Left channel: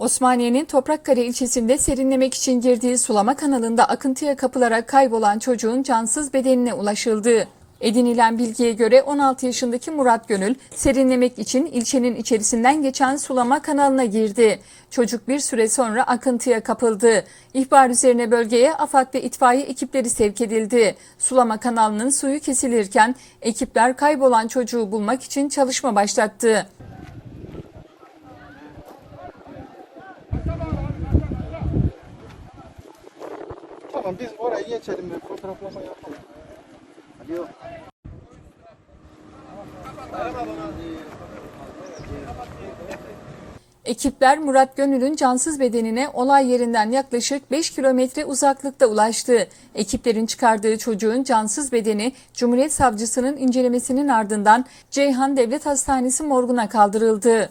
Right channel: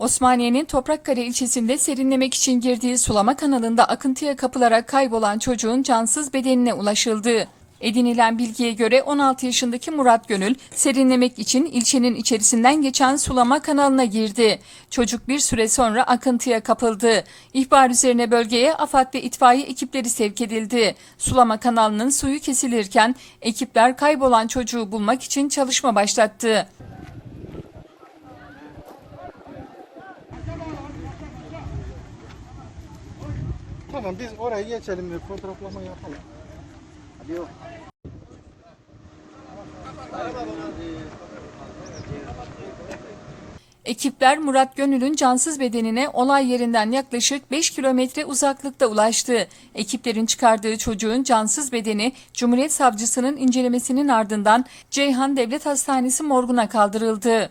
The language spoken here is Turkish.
Osmaniye'nin Toprakkale ilçesinde serinlemek için girdiği sulama kanalında akıntıya kapılarak kaybolan çocuğun cansız bedenine ulaşıldı. Edinilen bilgiye göre 16 yaşındaki Murat Gönül serinlemek için ilçenin içerisinden geçen sulama kanalına girdi. Çocuk bir süre sonra akıntıya kapıldı. İhbar üzerine bölgeye AFAD ve itfaiye ekipleri sevk edildi. Sulama kanalının suyu kesilirken ekipler kaybolan çocuğu bulmak için çalışma başlattı. Tamam biz oraya geçelim ve fotoğraflama yapalım. Hadi yok. Ekipler Murat Gönül'ün cansız bedenine olay yerinden yaklaşık 5 kilometre uzaklıkta ulaştı. Ekiplerin çıkardığı çocuğun cansız bedeni Cumhuriyet Savcısının incelemesinin ardından Ceyhan Devlet Hastanesi morguna kaldırıldı.